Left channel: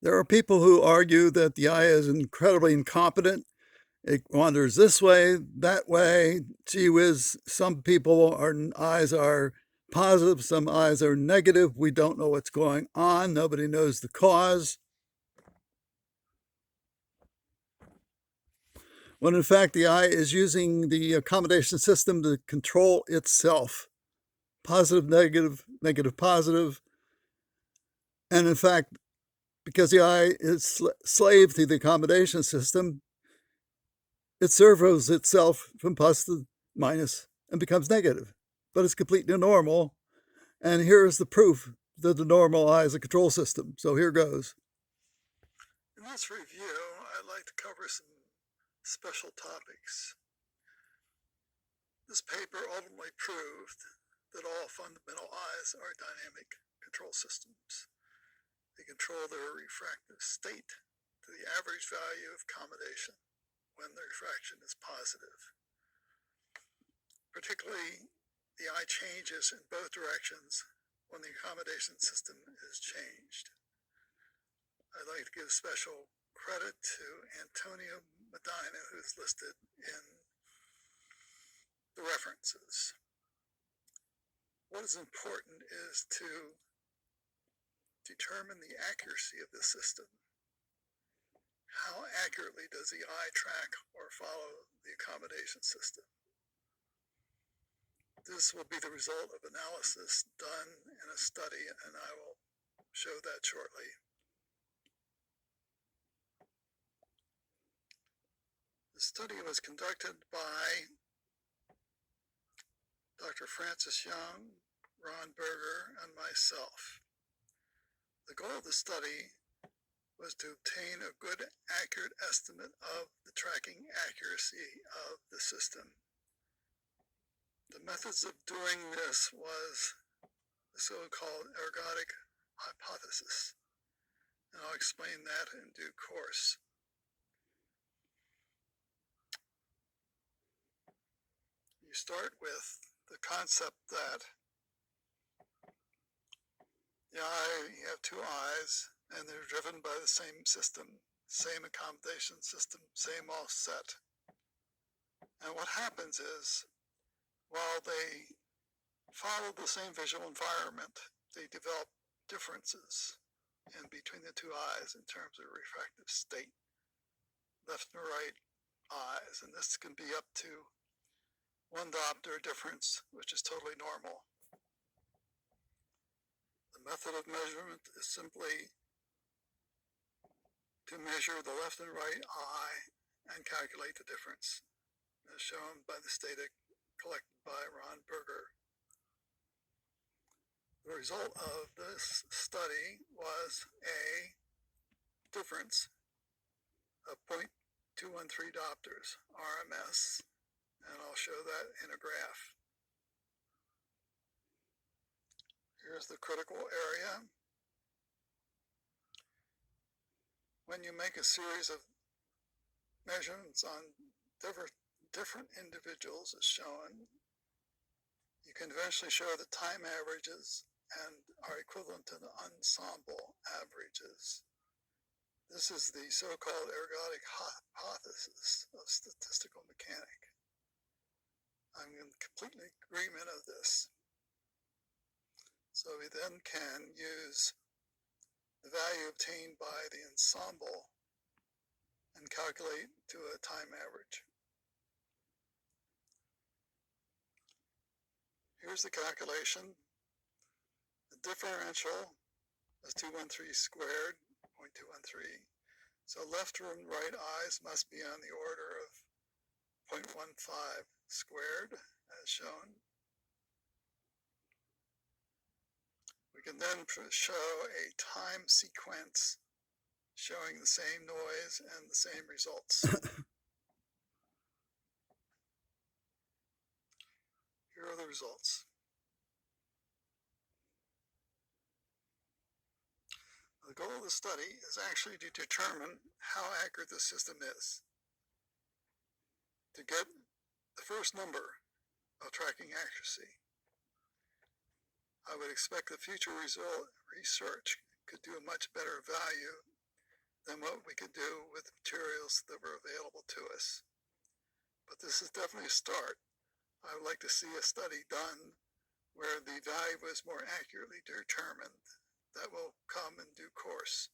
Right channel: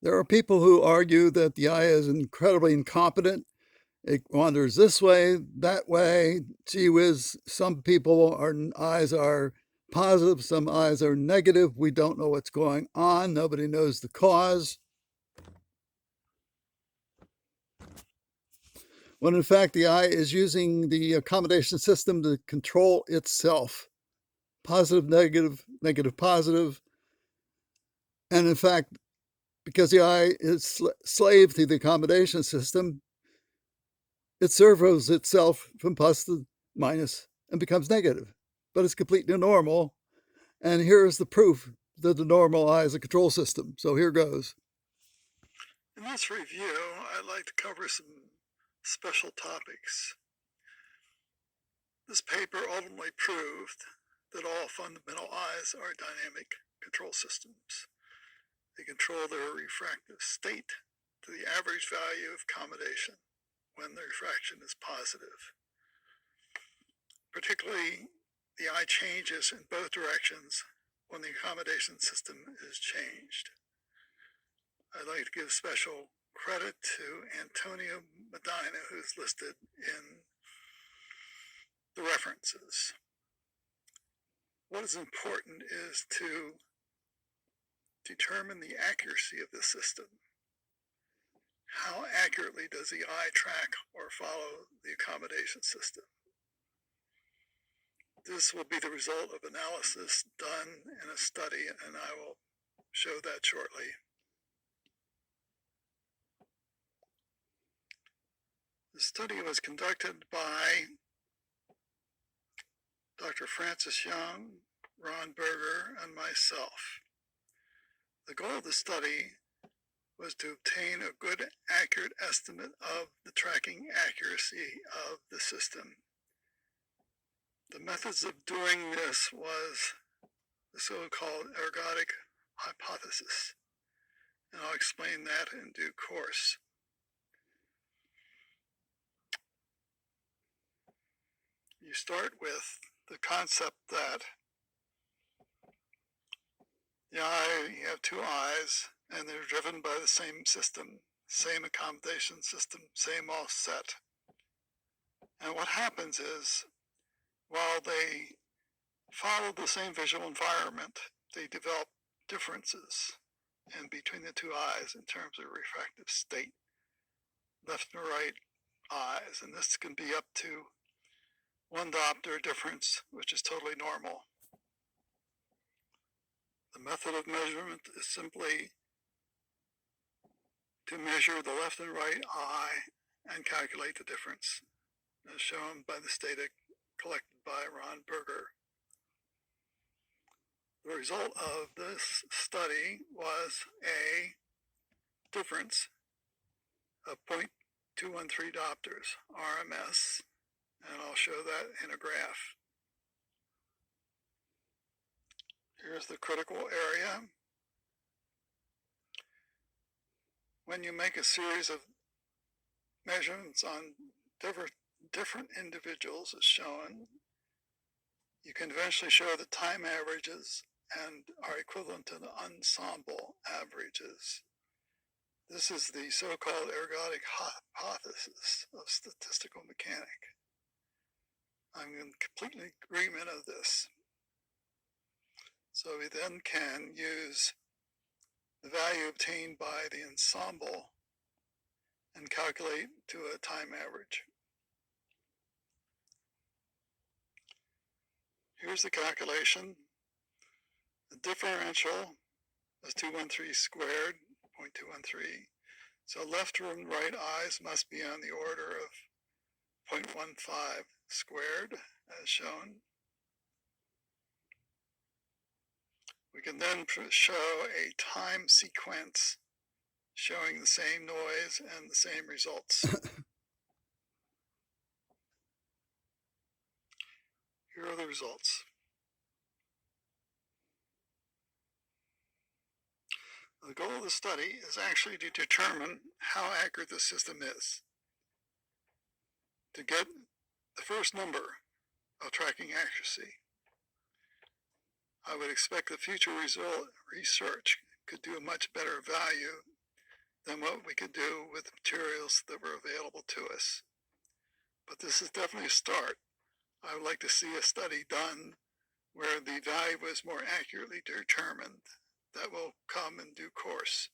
There are people who argue that the eye is incredibly incompetent. It wanders this way, that way. Gee whiz, some eyes are positive, some eyes are negative. We don't know what's going on. Nobody knows the cause. When in fact the eye is using the accommodation system to control itself. Positive, negative, negative, positive. And in fact, because the eye is slave to the accommodation system, it servos itself from plus to minus and becomes negative. But it's completely normal. And here's the proof that the normal eye is a control system. So here goes. In this review, I'd like to cover some special topics. This paper ultimately proved that all fundamental eyes are dynamic control systems. They control their refractive state to the average value of accommodation when the refraction is positive. Particularly, the eye changes in both directions when the accommodation system is changed. I'd like to give special credit to Antonio Medina, who's listed in the references. What is important is to determine the accuracy of the system. How accurately does the eye track or follow the accommodation system? This will be the result of analysis done in a study, and I will show that shortly. The study was conducted by Dr. Francis Young, Ron Berger, and myself. The goal of the study was to obtain a good, accurate estimate of the tracking accuracy of the system. The methods of doing this was the so-called ergodic hypothesis, and I'll explain that in due course. You start with the concept that you have two eyes, and they're driven by the same system, same accommodation system, same offset. And what happens is, while they follow the same visual environment, they develop differences in between the two eyes in terms of refractive state, left and right eyes, and this can be up to 1 diopter difference, which is totally normal. The method of measurement is simply to measure the left and right eye and calculate the difference, as shown by the data collected by Ron Berger. The result of this study was a difference of 0.213 diopters, RMS, and I'll show that in a graph. Here's the critical area. When you make a series of measurements on different individuals as shown, you can eventually show the time averages and are equivalent to the ensemble averages. This is the so-called ergodic hypothesis of statistical mechanics. I'm in complete agreement of this. So we then can use the value obtained by the ensemble and calculate to a time average. Here's the calculation. The differential is 213 squared, 0.213. So left and right eyes must be on the order of 0.15 squared, as shown. We can then show a time sequence showing the same noise and the same results. Here are the results. The goal of the study is actually to determine how accurate the system is. To get the first number of tracking accuracy, I would expect the future research could do a much better value than what we could do with the materials that were available to us. But this is definitely a start. I would like to see a study done where the value was more accurately determined. That will come in due course.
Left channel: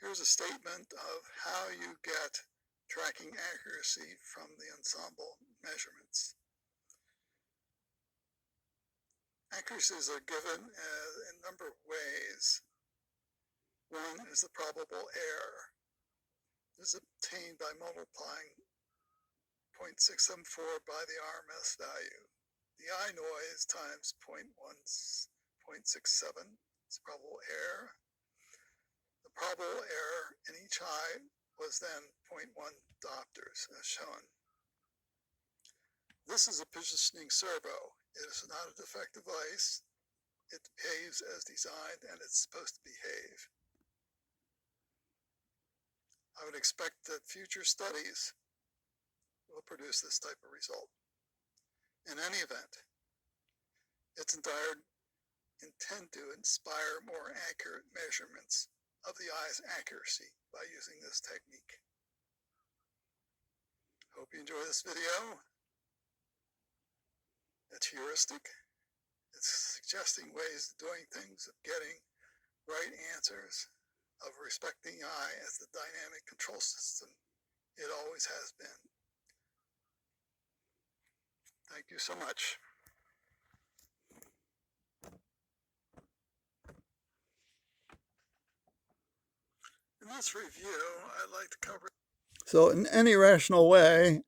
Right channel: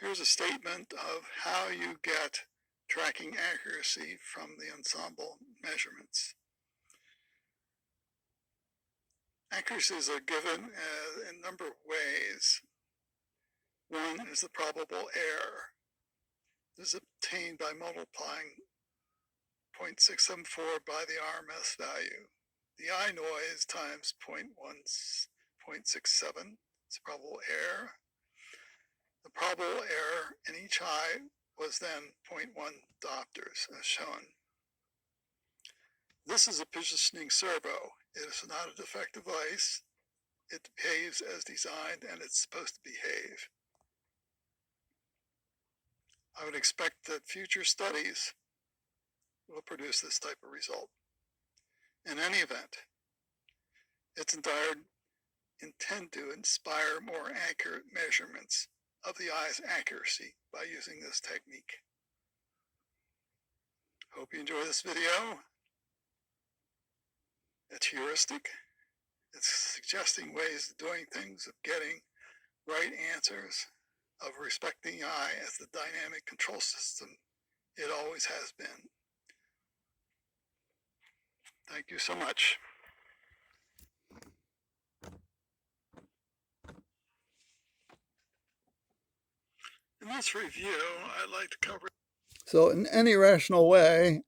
Here's a statement of how you get tracking accuracy from the ensemble measurements. Accuracies are given in a number of ways. One is the probable error. This is obtained by multiplying 0.674 by the RMS value. The eye noise times 0.67 is the probable error. The probable error in each eye was then 0.1 diopters, as shown. This is a positioning servo. It is not a defective device. It behaves as designed, and it's supposed to behave. I would expect that future studies will produce this type of result. In any event, it's intended to inspire more accurate measurements of the eye's accuracy by using this technique. Hope you enjoy this video. It's heuristic. It's suggesting ways of doing things, of getting right answers, of respecting the eye as the dynamic control system it always has been. Thank you so much. In this review, I'd like to cover. So in any rational way,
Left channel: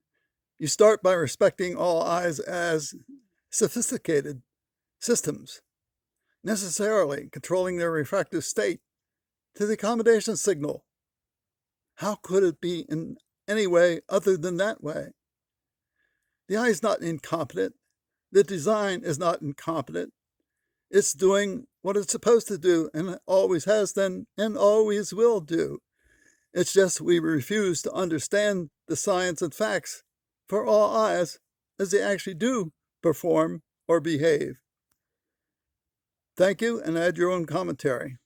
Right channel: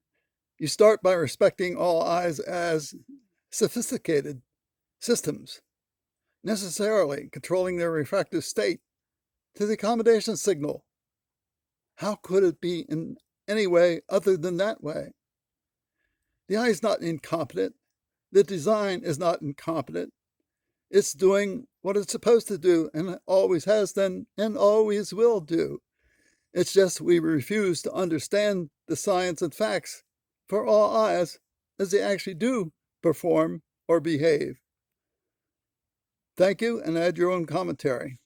you start by respecting all eyes as sophisticated systems, necessarily controlling their refractive state to the accommodation signal. How could it be in any way other than that way? The eye is not incompetent. The design is not incompetent. It's doing what it's supposed to do, and it always has done and always will do. It's just we refuse to understand the science and facts for all eyes as they actually do perform or behave. Thank you, and add your own commentary.